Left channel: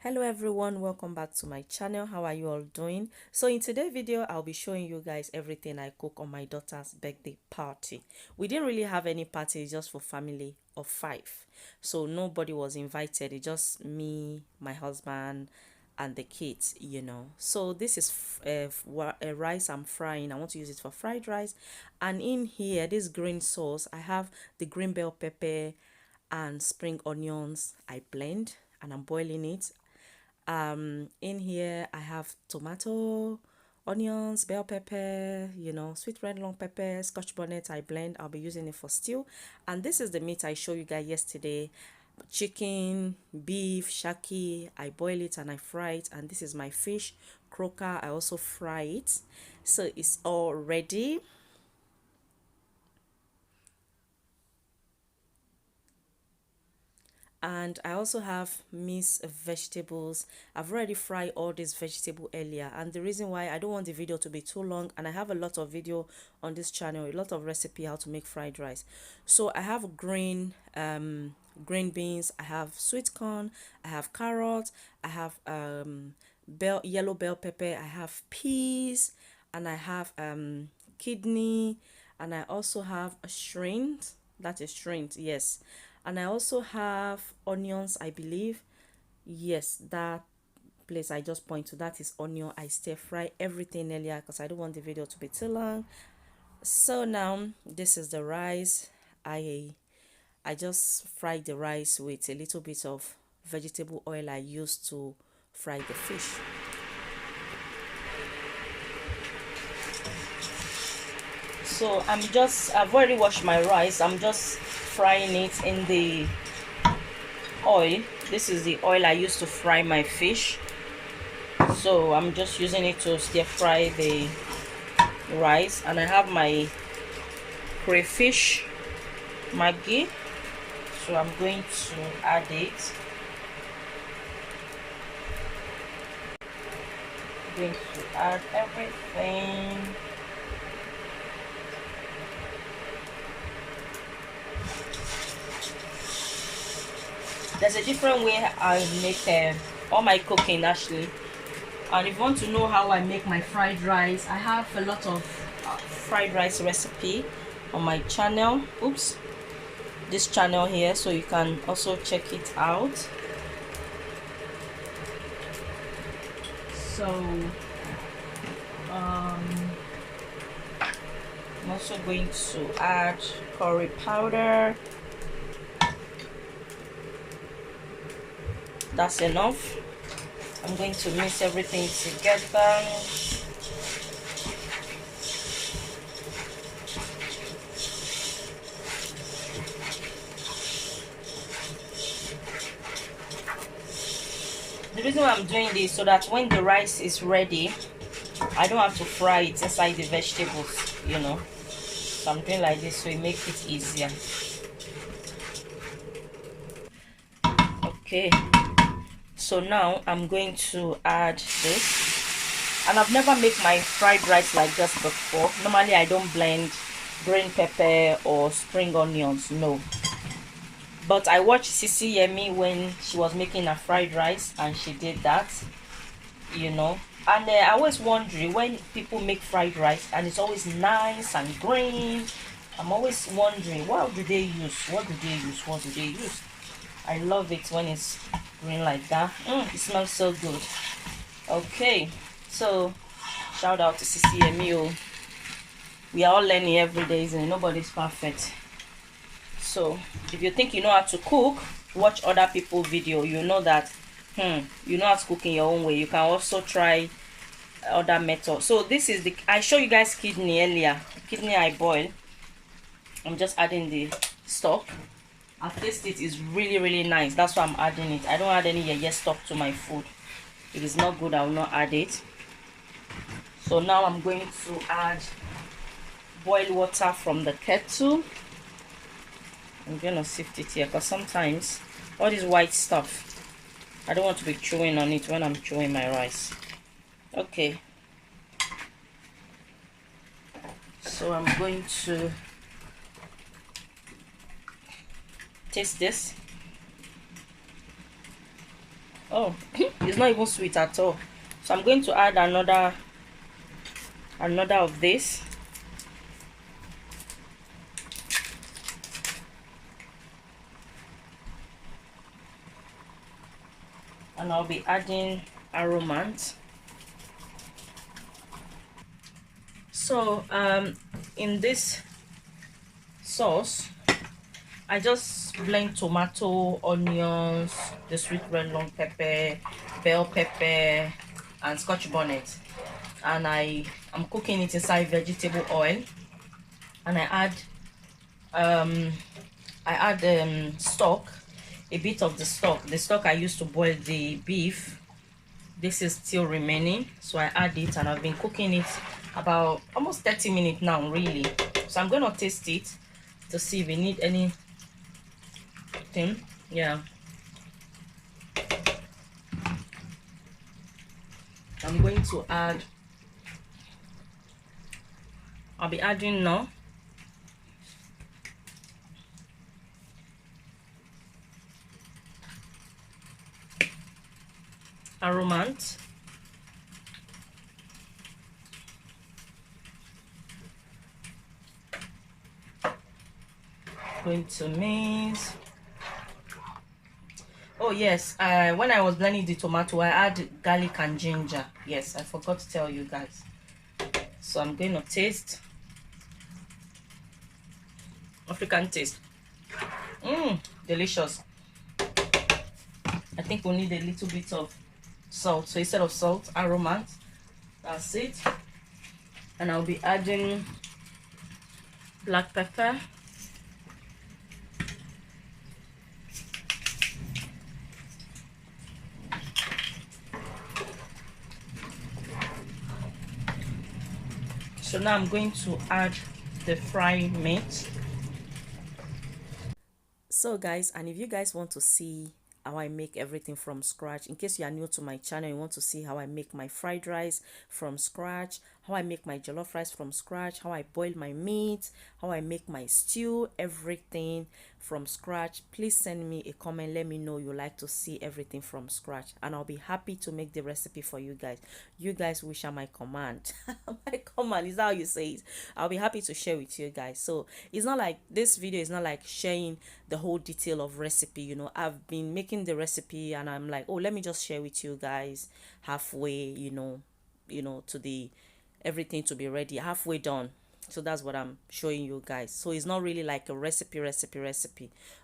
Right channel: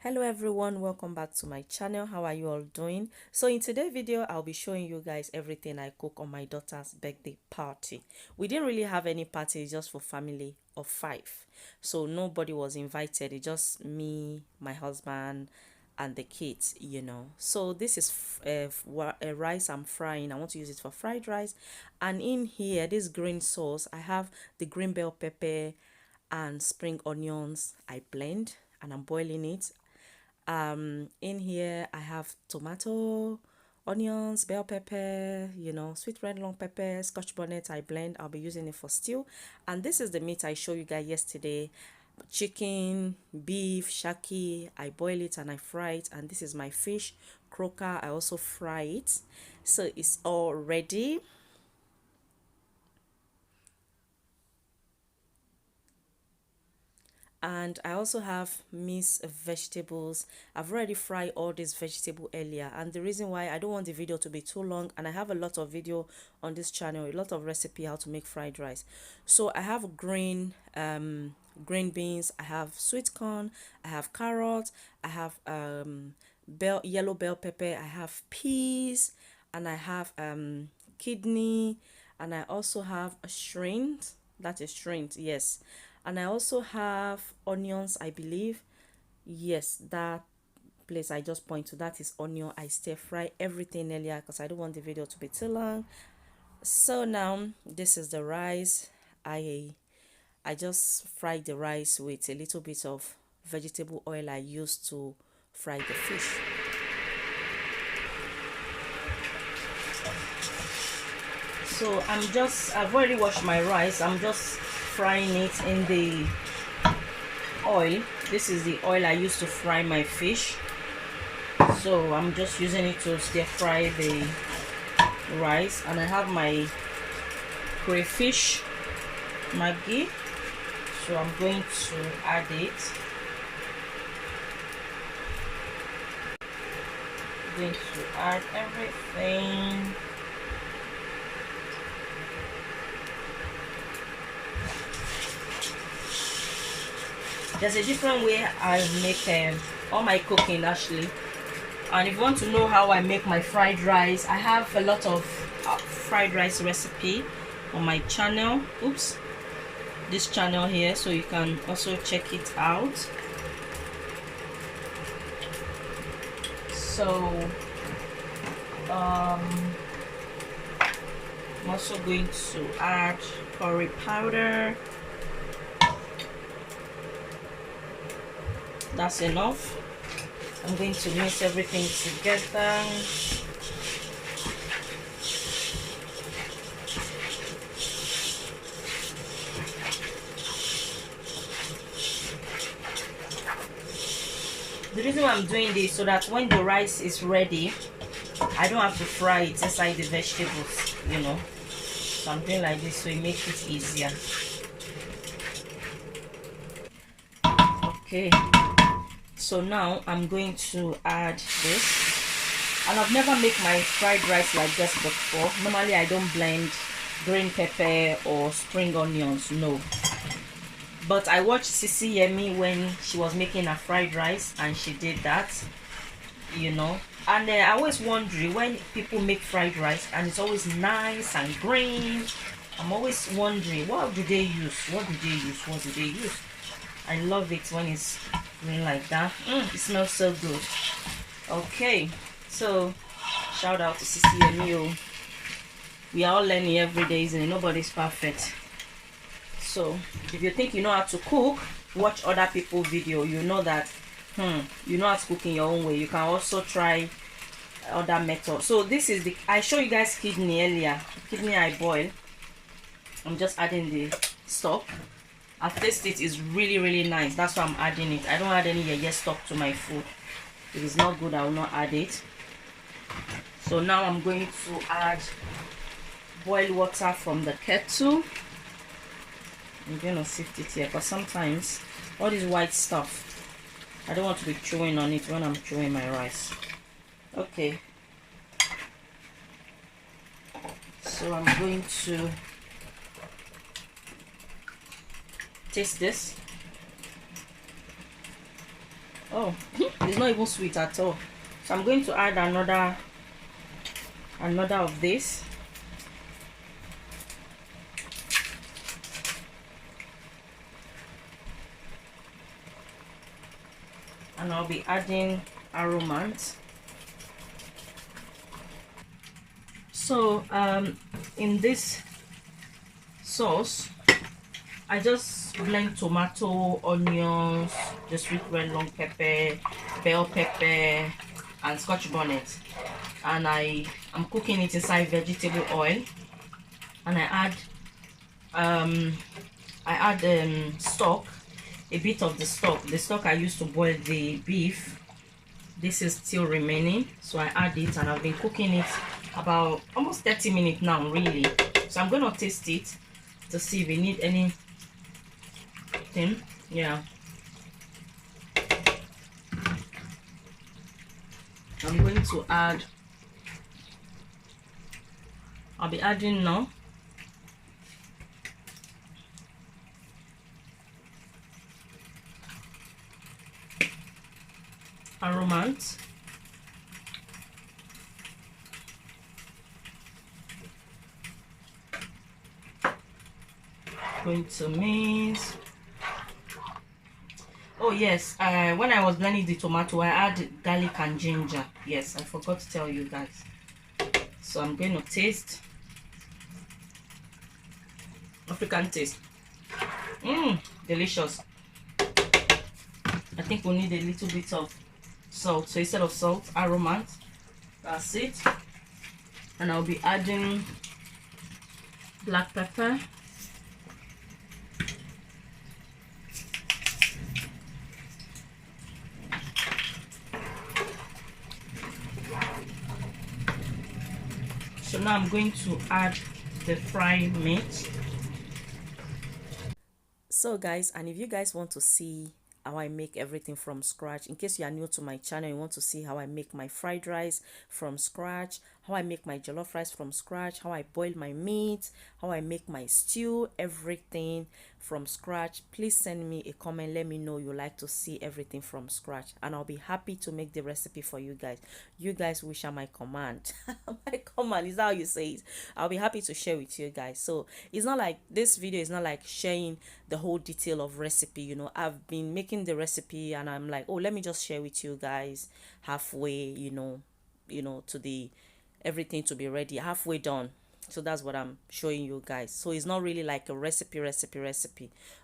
Hello everyone, welcome back to my channel. How are you all doing? So in today's video I'll be showing you guys everything I cook on my daughter's birthday party. We didn't really have any party, just for family of 5, so nobody was invited. It's just me, my husband and the kids, So this is rice I'm frying. I want to use it for fried rice. And in here, this green sauce, I have the green bell pepper and spring onions. I blend and I'm boiling it. In here I have tomato, onions, bell pepper, sweet red long pepper, scotch bonnet. I blend. I'll be using it for stew. And this is the meat I showed you guys yesterday: chicken, beef, shaki. I boil it and I fry it. And this is my fish croaker. I also fry it, so it's all ready. And I also have mixed vegetables. I've already fried all this vegetable earlier, and the reason why I don't want the video to be too long, and I have a lot of video on this channel, a lot of recipe how to make fried rice. So I have green beans, I have sweet corn, I have carrots, I have yellow bell pepper, I have peas, and I have kidney, and I also have a shrimp. That is shrimp, yes. And I also have onions, I believe. Yes, that place I just point to, that is onion. I stir fry everything earlier because I don't want the video to be too long. So now this is the rice. I just fried the rice with a little bit of vegetable oil I used to fry the fish. So I've already washed my rice. I'm just frying it in the oil. This is the oil I used to fry my fish. So I'm just using it to stir fry the rice. And I have my crayfish Maggi. So I'm going to add it. I'm going to add everything. There's a different way I make all my cooking actually. And if you want to know how I make my fried rice, I have a lot of fried rice recipe on my channel. This channel here, so you can also check it out. So I'm also going to add curry powder. That's enough. I'm going to mix everything together. The reason why I'm doing this, so that when the rice is ready, I don't have to fry it inside the vegetables, So I'm doing like this so it makes it easier. Okay. So now I'm going to add this, and I've never made my fried rice like this before. Normally I don't blend green pepper or spring onions, no. But I watched Sisi Yemi when she was making her fried rice, and she did that, And I always wonder, when people make fried rice and it's always nice and green, I'm always wondering, what do they use? What do they use? I love it when it's green like that. It smells so good. Okay, so shout out to Sisi Emio. We are all learning every day, isn't it? Nobody's perfect. So if you think you know how to cook, watch other people's video. You know that you know how to cook in your own way. You can also try other methods. So this is I showed you guys kidney earlier. Kidney I boil. I'm just adding the stock. I've tasted it, is really nice. That's why I'm adding it. I don't add any yeye stock to my food. If it's not good, I will not add it. So now I'm going to add boiled water from the kettle. I'm going to sift it here, because sometimes all this white stuff, I don't want to be chewing on it when I'm chewing my rice. Okay. So I'm going to taste this. Oh, it's not even sweet at all. So I'm going to add another of this. And I'll be adding aromant. So in this sauce, I just blend tomato, onions, the sweet red long pepper, bell pepper, and scotch bonnet, and I'm cooking it inside vegetable oil. And I add stock, a bit of the stock I used to boil the beef. This is still remaining, so I add it, and I've been cooking it about almost 30 minutes now, really. So I'm going to taste it to see if we need anything. Yeah, I'm going to add, I'll be adding now aromant, going to mix. Oh yes, when I was blending the tomato, I added garlic and ginger. Yes, I forgot to tell you guys. So I'm going to taste. African taste. Delicious. I think we need a little bit of salt. So instead of salt, aromant. That's it. And I'll be adding black pepper. So now I'm going to add the fried meat. So guys, and if you guys want to see how I make everything from scratch, in case you are new to my channel, you want to see how I make my fried rice from scratch, how I make my jollof rice from scratch, how I boil my meat, how I make my stew, everything from scratch, please send me a comment. Let me know you like to see everything from scratch, and I'll be happy to make the recipe for you guys. You guys wish are my command. My command, is that how you say it? I'll be happy to share with you guys. So it's not like this video is not like sharing the whole detail of recipe. You know, I've been making the recipe and I'm like, oh, let me just share with you guys halfway, you know, to the everything to be ready, halfway done. So that's what I'm showing you guys. So it's not really like a recipe.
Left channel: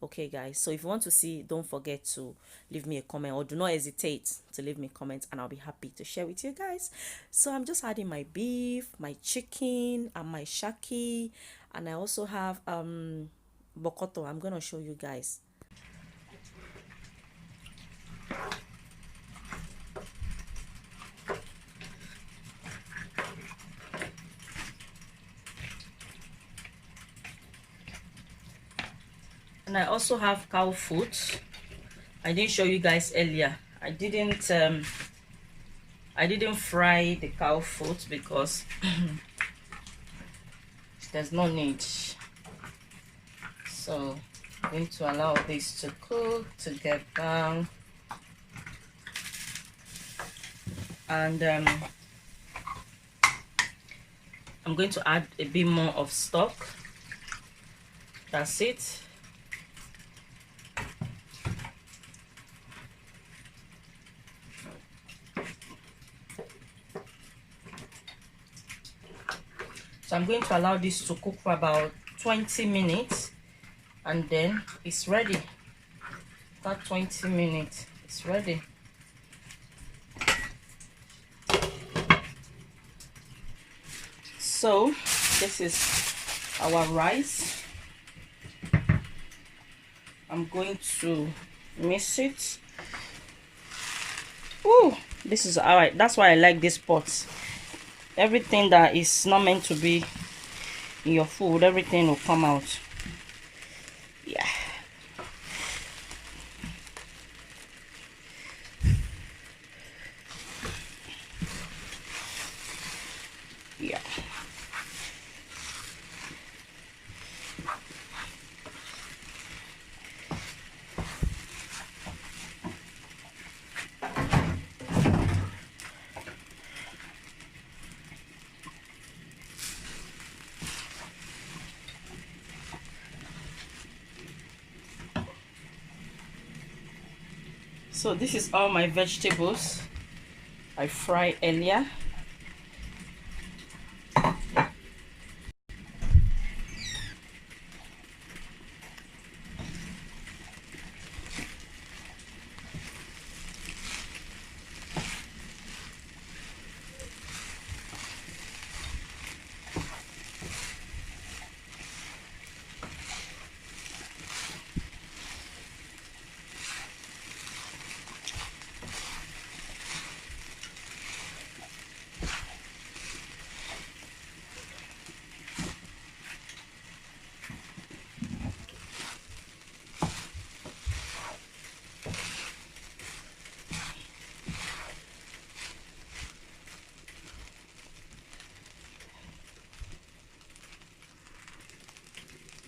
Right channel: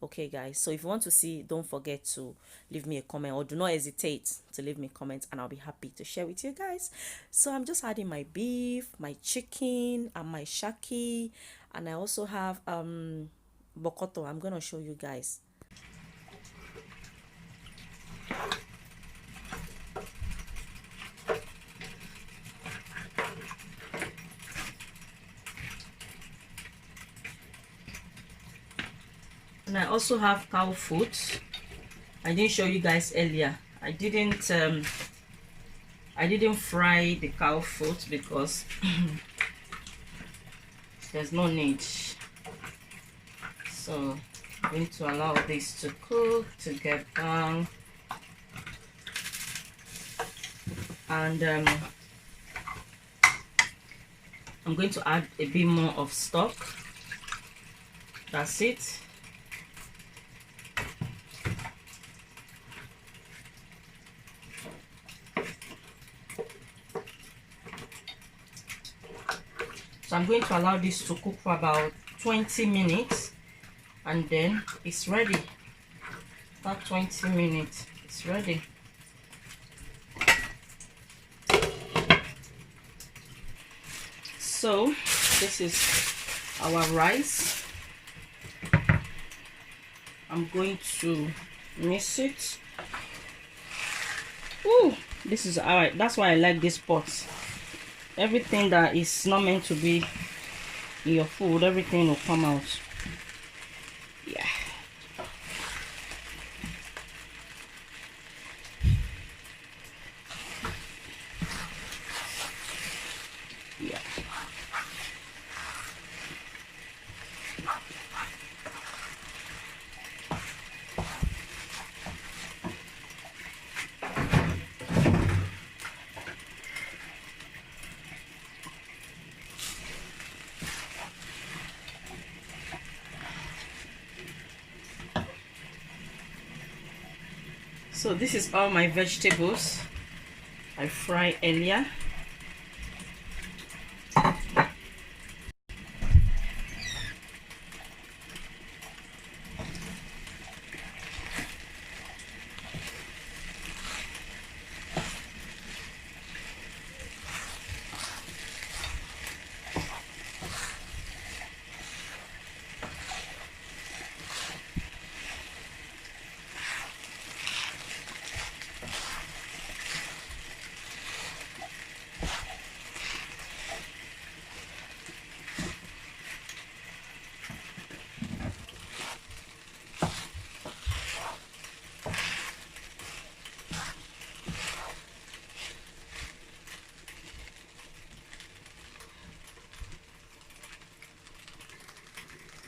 Okay guys, so if you want to see, don't forget to leave me a comment, or do not hesitate to leave me comments, and I'll be happy to share with you guys. So I'm just adding my beef, my chicken, and my shaki, and I also have bokoto. I'm gonna show you guys. And I also have cow foot. I didn't show you guys earlier. I didn't fry the cow foot because there's no need. So I'm going to allow this to cook, to get down. And I'm going to add a bit more of stock. That's it. So I'm going to allow this to cook for about 20 minutes, and then it's ready. About 20 minutes, it's ready. So this is our rice. I'm going to mix it. Ooh, this is alright. That's why I like this pot. Everything that is not meant to be in your food, everything will come out. Yeah. Yeah. So this is all my vegetables I fried earlier.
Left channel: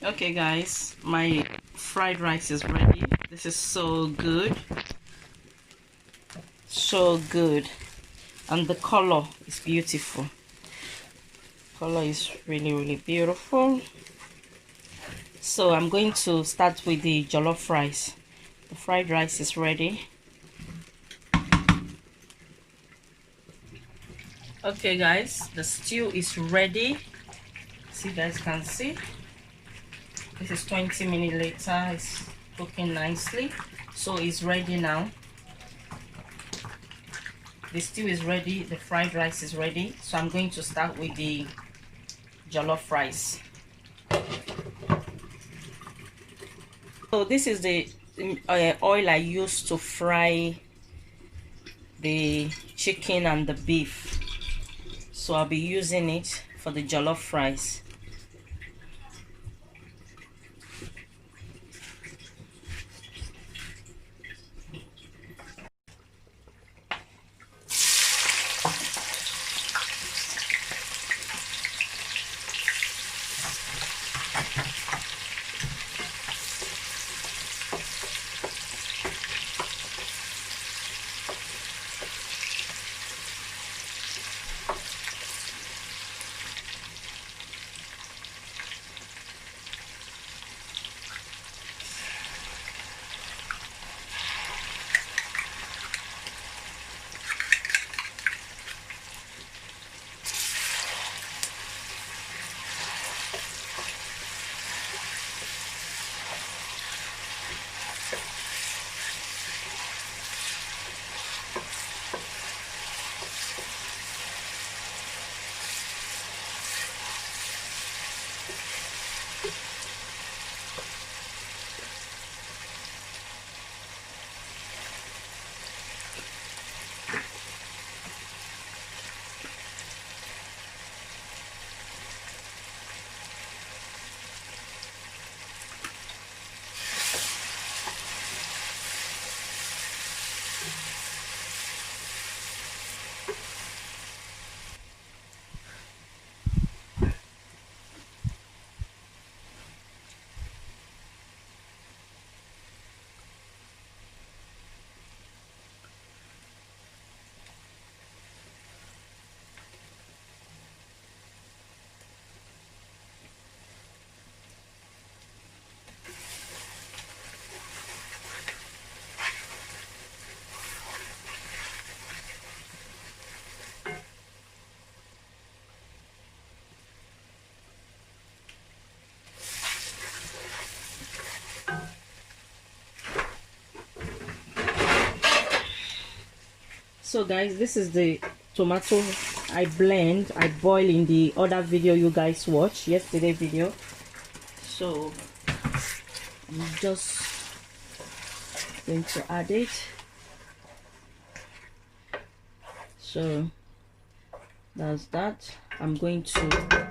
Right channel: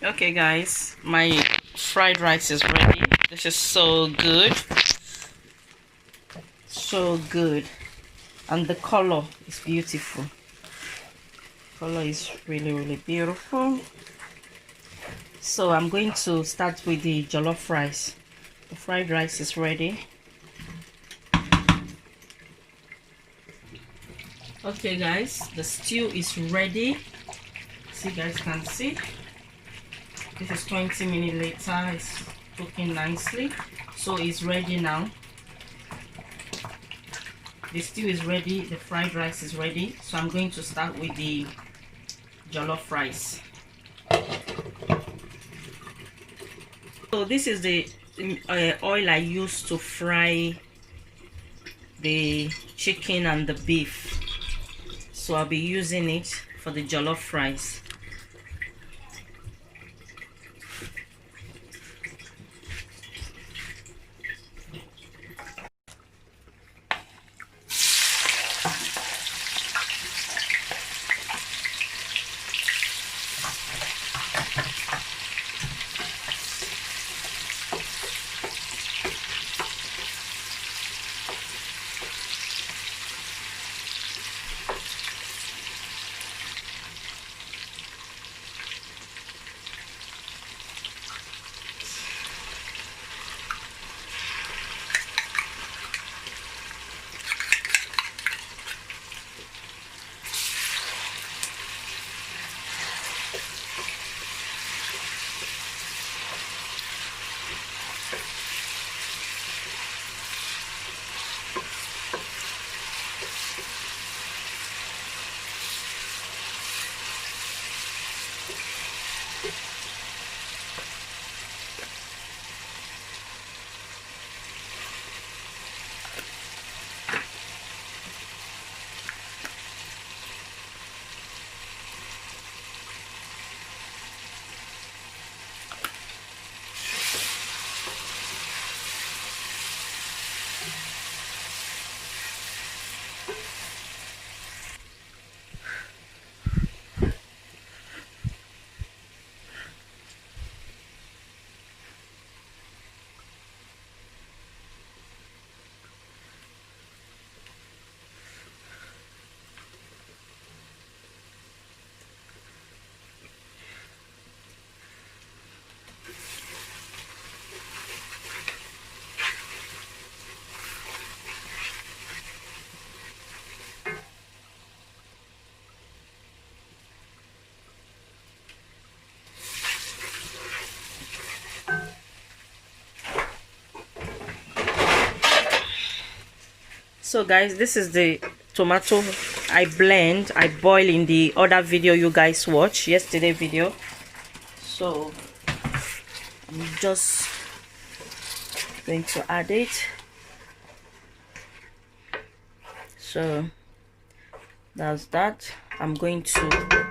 Okay guys, my fried rice is ready. This is so good, so good, and the color is beautiful. Color is really beautiful. So I'm going to start with the jollof rice. The fried rice is ready. Okay guys, the stew is ready. So you guys can see this is 20 minutes later. It's cooking nicely, so it's ready now. The stew is ready, the fried rice is ready, so I'm going to start with the jollof rice. So this is the oil I use to fry the chicken and the beef, so I'll be using it for the jollof rice. So guys, this is the tomato I boil in the other video you guys watched, yesterday video. So I'm just going to add it. So that's that. I'm going to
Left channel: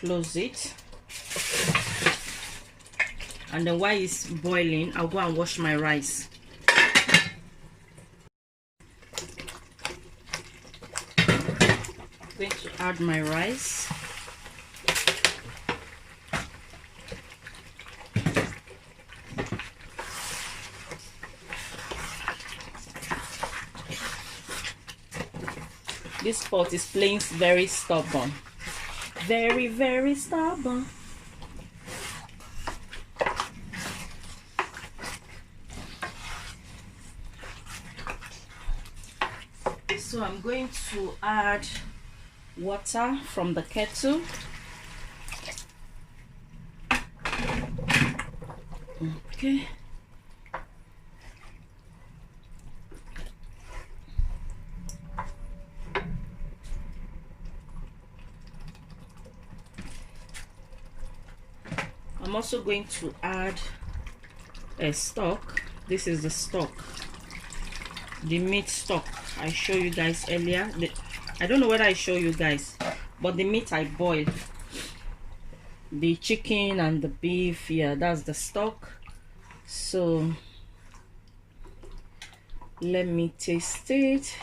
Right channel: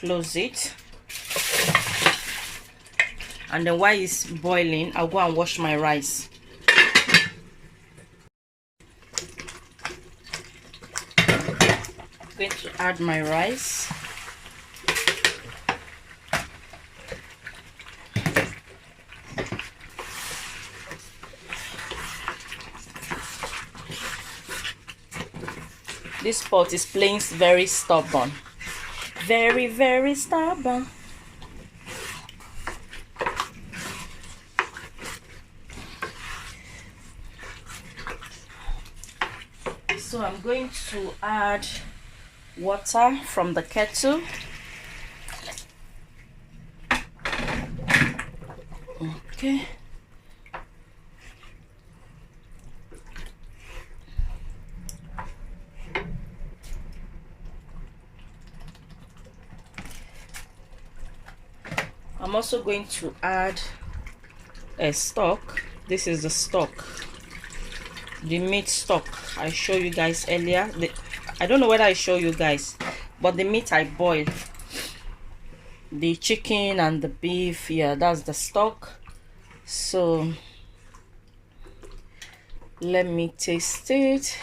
close it, and then while it's boiling, I'll go and wash my rice. I'm going to add my rice. This pot is playing very stubborn, very stubborn. So I'm going to add water from the kettle. Okay. I'm also going to add a stock. This is the stock, the meat stock I showed you guys earlier. I don't know whether I show you guys, but the meat I boiled, the chicken and the beef, yeah, that's the stock. So let me taste it.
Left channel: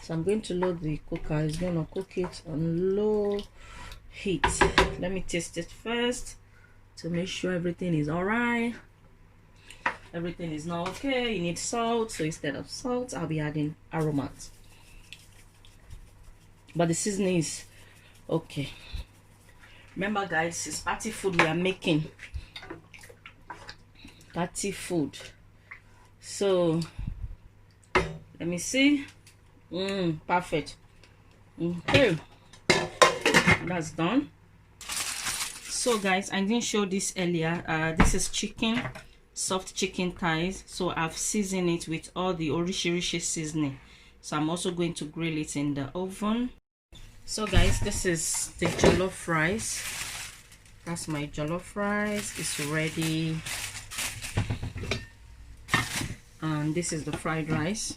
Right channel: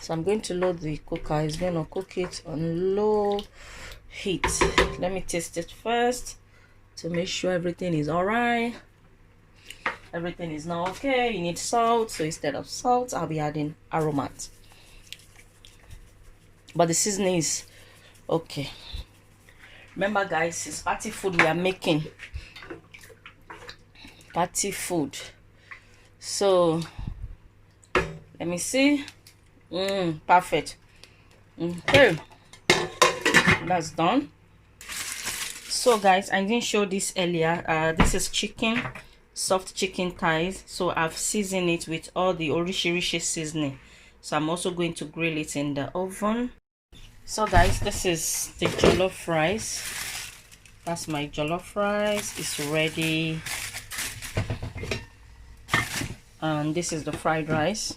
So I'm going to load the cooker. It's going to cook it on low heat. Let me taste it first to make sure everything is all right. Everything is now okay. You need salt, so instead of salt I'll be adding aromat, but the seasoning is okay. Remember guys, it's party food we are making, party food. So let me see. Perfect. Okay, that's done. So guys, I didn't show this earlier. This is chicken, soft chicken thighs. So I've seasoned it with all the orishi seasoning. So I'm also going to grill it in the oven. So guys, this is the jollof rice. That's my jollof rice. It's ready. And this is the fried rice.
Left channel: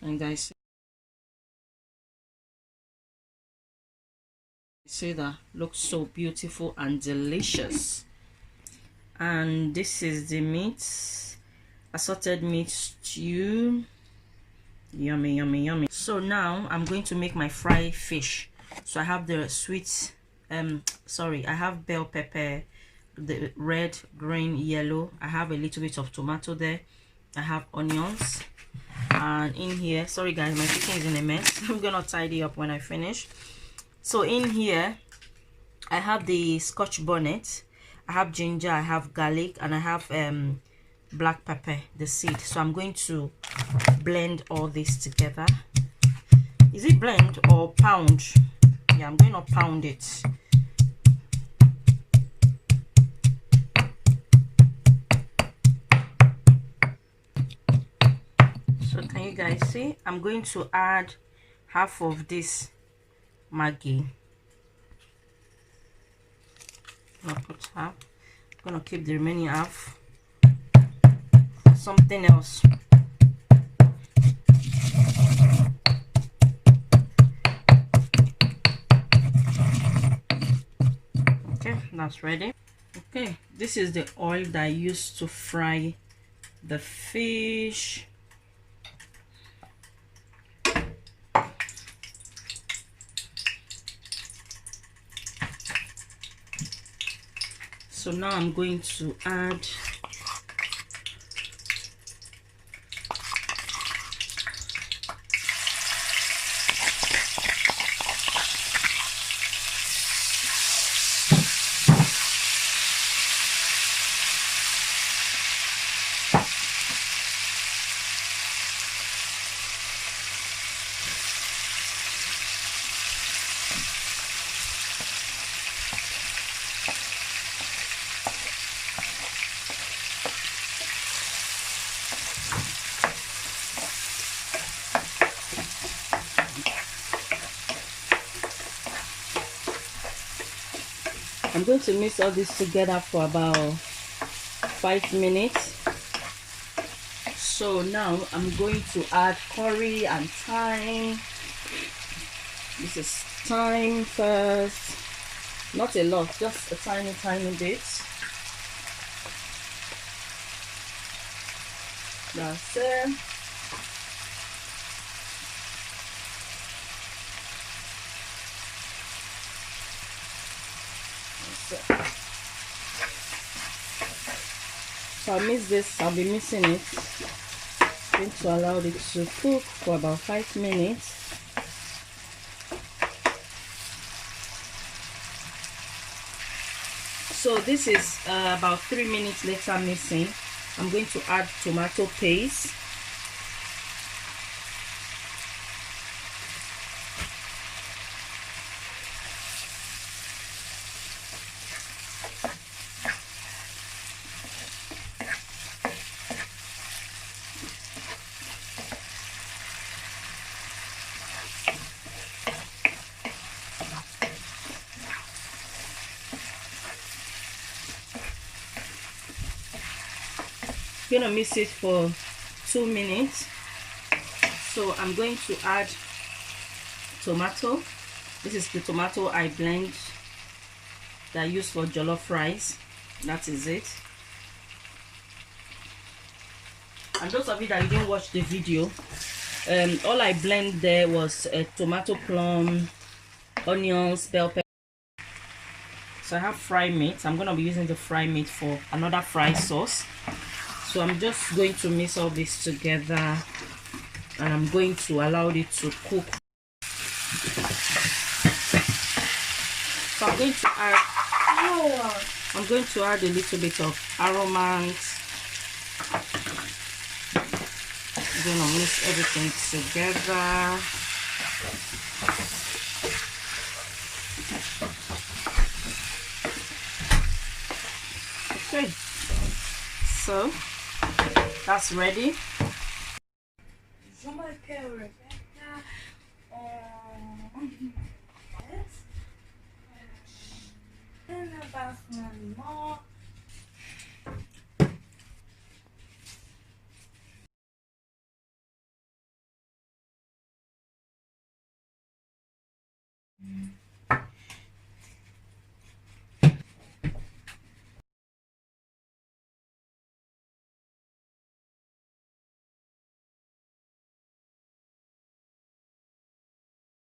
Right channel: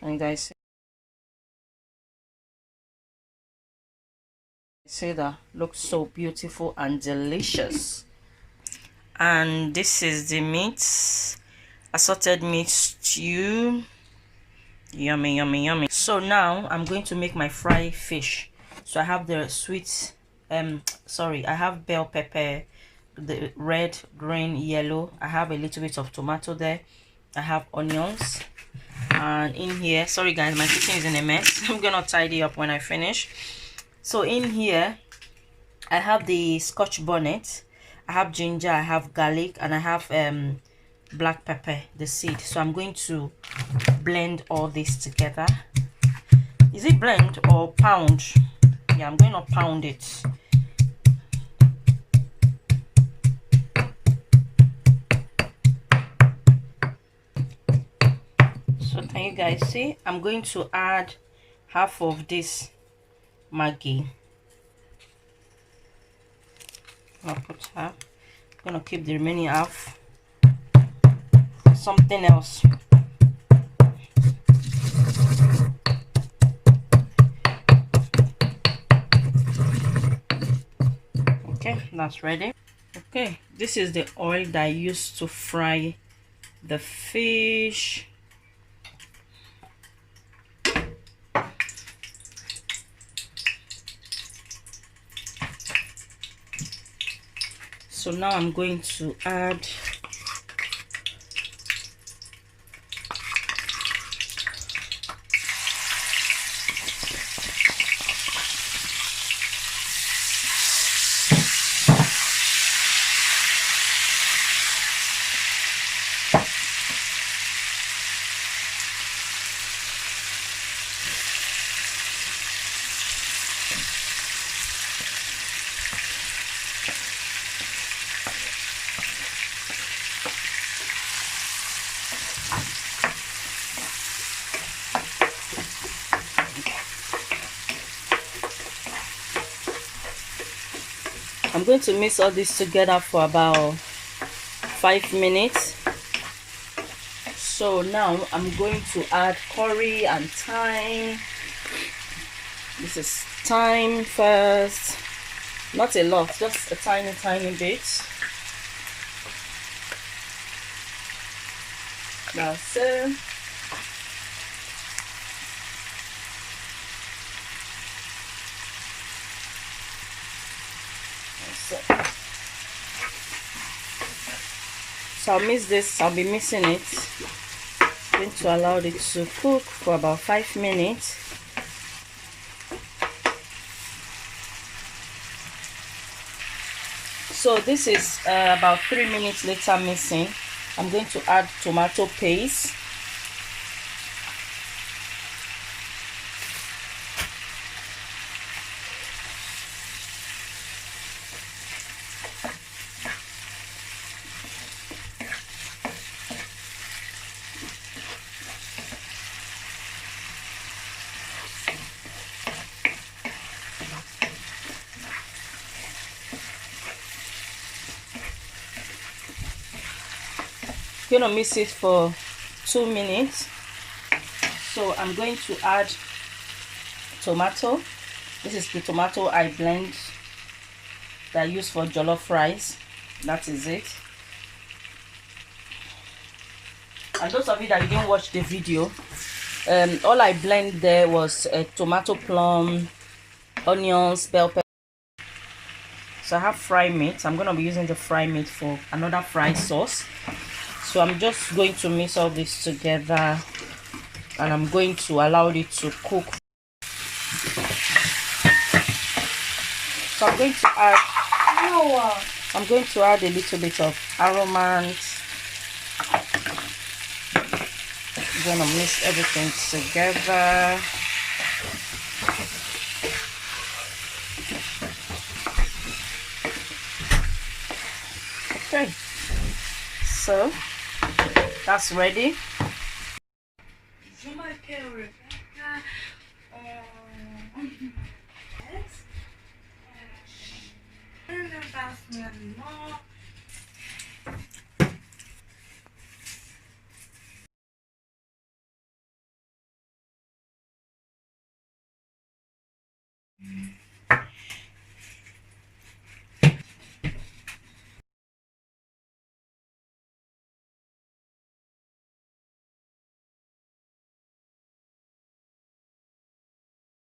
And guys, see that looks so beautiful and delicious. And this is the meat, assorted meat stew. Yummy, yummy, yummy. So now I'm going to make my fried fish. So I have the sweet I have bell pepper, the red, green, yellow. I have a little bit of tomato there. I have onions, and in here, sorry guys, my kitchen is in a mess. I'm gonna tidy up when I finish. So in here I have the scotch bonnet, I have ginger, I have garlic, and I have black pepper, the seed. So I'm going to blend all this together. Is it blend or pound? Yeah, I'm going to pound it. So can you guys see? I'm going to add half of this Maggi. I'll put half. I'm gonna keep the remaining half for something else. Okay, that's ready. Okay, this is the oil that I used to fry the fish. So now I'm going to add I'm going to mix all this together for about 5 minutes. So now I'm going to add curry and thyme. This is thyme first, not a lot, just a tiny bit. That's it. So I'll mix this, I'll be mixing it. I'm going to allow it to cook for about 5 minutes. So this is about 3 minutes later mixing. I'm going to add tomato paste. gonna mix it for 2 minutes. So I'm going to add tomato. This is the tomato I blend that I use for jollof rice. That is it. And those of you that didn't watch the video, all I blend there was tomato, plum, onions, bell pepper. So I have fried meat. I'm gonna be using the fried meat for another fried sauce. So I'm just going to mix all this together, and I'm going to allow it to cook. So I'm going to add a little bit of aromand. I'm gonna mix everything together. Okay, so that's ready.